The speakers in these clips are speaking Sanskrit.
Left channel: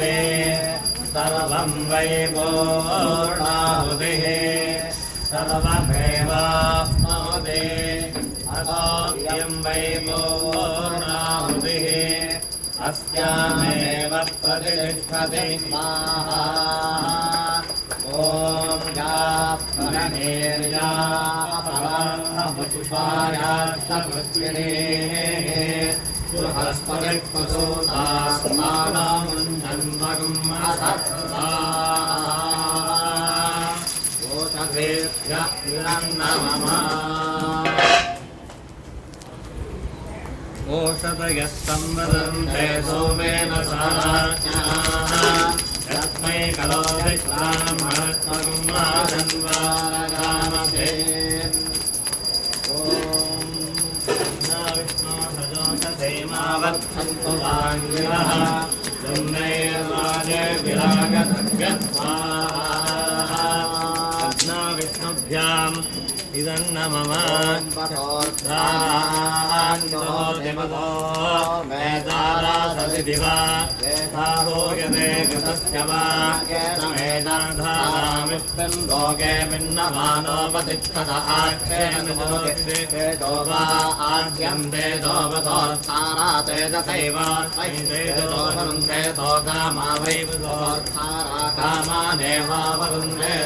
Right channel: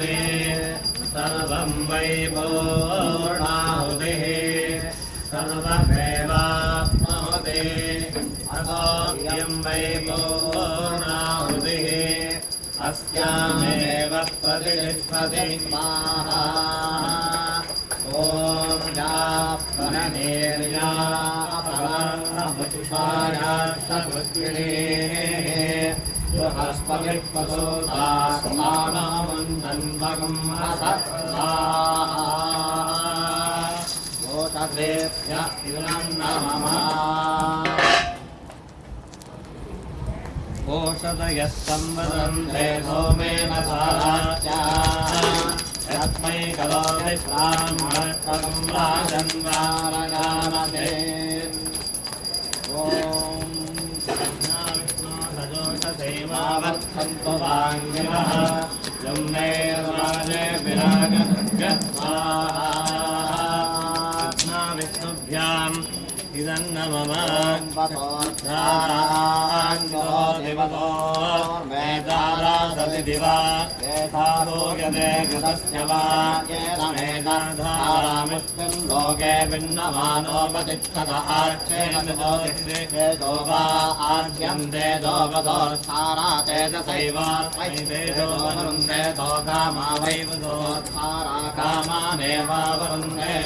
पूर्णाहुते सर्वं वै पूर्णाहुतिः सर्वमेवाप्नोति अथोऽयं वै पूर्णाहुतिः अस्यामेव प्रतिष्ठति स्वाहा ॐ या परमेर्या ओषधयः संवदन्ते सोमेन तस्मै कलो विश्वामहत्वं राजन्वारगामते ॐ विष्णु सजोषधेमावर्धन्तु वाङ्गिरः जम्नैर्वाजे विराजतव्यस्वाहा विष्णुभ्याम् इदन्न मम देवतो वेदारा सति दिवा यथे गतस्य वा मेधाधारामित्तं लोके भिन्नमानोपतिष्ठत आक्षेयमितो वा आज्यं तेजोवतोत्सारा तेजसैव वरुन्धे तो कामा वैवतोत्सारा कामानेवावरुन्धे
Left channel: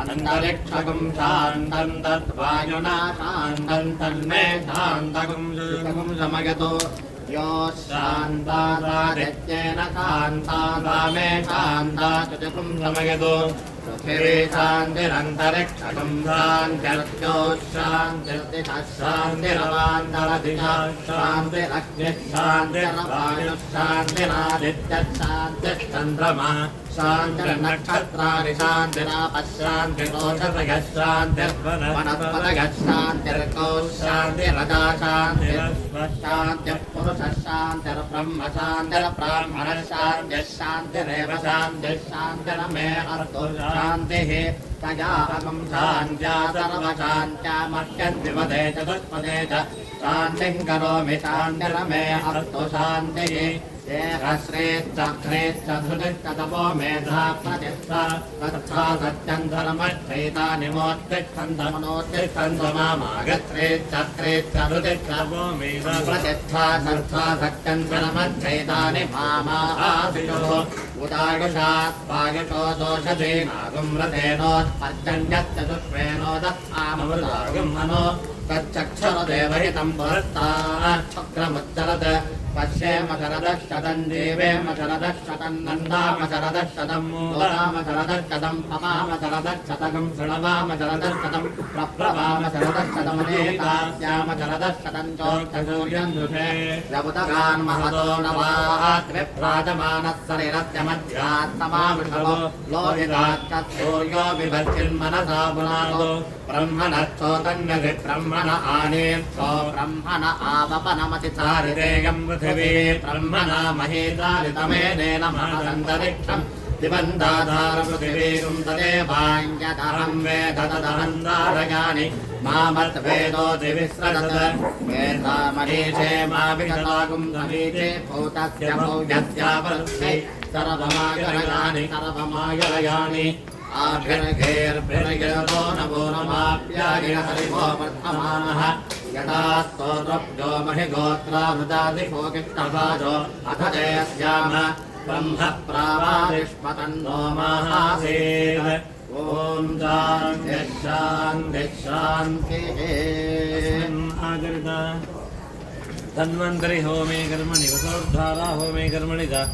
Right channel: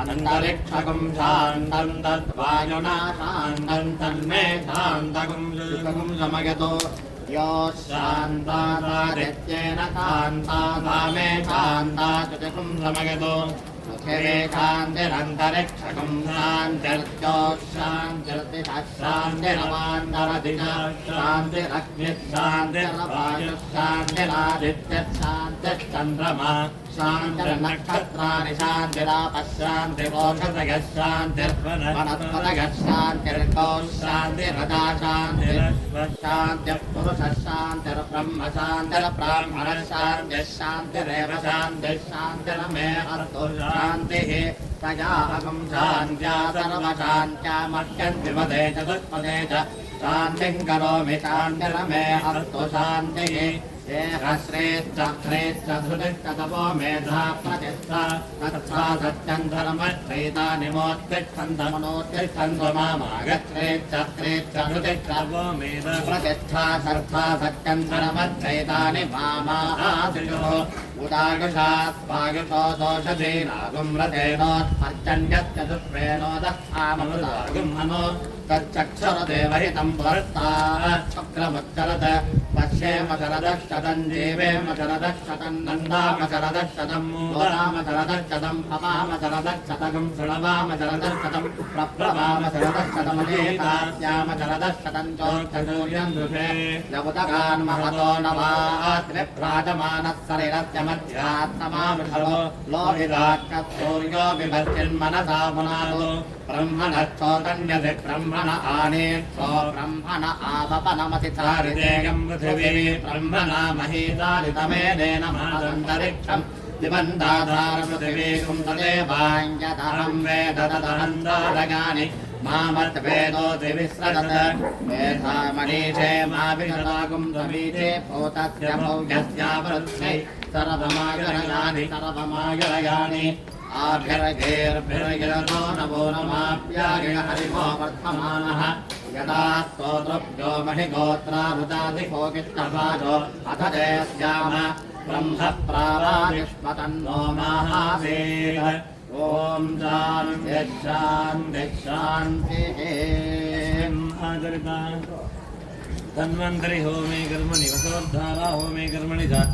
अनन्तरिक्षकं शान्तं तद्वायुना शान्तं तन्मे शान्तकं शुष्कं शमयतु यो शान्तादित्येन शान्ता मे शान्ता शुष्कं शमयतु सुखिरे शान्तिरन्तरिक्षकं शान्तिर्ज्योत्शान्तिर्दिशः शान्तिरवान्तरदिशः शान्तिरग्निः शान्तिर्वायुः शान्तिरादित्यः शान्तिश्चन्द्रमा शान्तिर्नक्षत्राणि शान्तिरापः शान्तिरोषधयः शान्तिर्वनस्पतयः शान्तिर्गौः शान्तिरजा शान्तिरश्वः शान्तिर्पुरुषः शान्तिर्ब्रह्म शान्तिर्ब्राह्मणः शान्तिः शान्तिरेव शान्तिः शान्तिरमे अस्तु शान्तिः प्रजापकं शान्त्या सर्वशान्त्या मह्यद्विपदे चतुष्पदे च शान्तिं करोमि शान्तिरमे अस्तु शान्तिः श्रेश्च धृतिश्च तपो मेधा प्रचिष्टा तच्छा सत्यन्धर्मश्चैतानि मोत्तिष्ठन्तमनोत्तिष्ठन्त मामागच्छ्रेश्च धृतिश्च तपो मेधा प्रतिष्ठा सर्था सत्यन्धर्मश्चैतानि मामादिशो उदायुषात् वायुषो दोषधीनागुं रथेनोत्पर्जन्यश्चतुष्वेनोदस्मामृतागुं मनो तच्चक्षरदेवहितं पुरस्तात् चक्रमुच्चरत् पश्येम शरदशतं जीवेम शरदशतं नन्दाम शरदशतं मोदाम शरदशतं भवाम शरदशतं शृण्वाम शरदशतं प्रप्लवाम शरदशतमनेतास्याम शरदशतं चोक्षसूर्यं दुषे यवतगान् महतो नवात् विभ्राजमानः शरीरस्य मध्यात्तमाविषवो लोहिताच्च सूर्यो बिभर्चिन्मनसा पुनालो ब्रह्मणश्चोतन्यधि ब्रह्मण आनेत्सो ब्रह्मण आवपनमति चारितेयं पृथिवी ब्रह्मणा महीचारितमेनेन मानसन्तरिक्षम् दिवन्दाधारपृथिवीगुं तदेवाञ्यतहं वेद तदहन्दारयानि मामद्वेदोऽधि विस्रदत् मेधामणीचे माभिगतागुं समीचे भूतस्य भौजस्यावृत्यै सर्वमायरयानि सर्वमायरयानि आभिर्घेर्भिर्गिरतो नवो नमाप्यागिन हरिमो वर्धमानः यदा स्तोत्रभ्यो महिगोत्रावृतादिको किष्टभाजो अथ जयस्याम ब्रह्म प्रावारिष्मतन्नो महासेः ॐ शान्तिः धन्वन्तरि होमे कर्मणि वसोद्धारा होमे कर्मणि च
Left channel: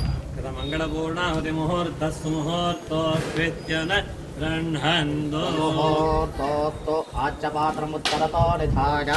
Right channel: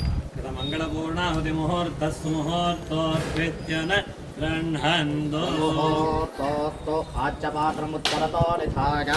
मंगलपूर्णाहुति मुहूर्तस्तु मुहूर्तोऽस्कृत्य न गृह्णन्तो मुहूर्तोऽस्तु आच्यपात्रमुत्तरतो निधाय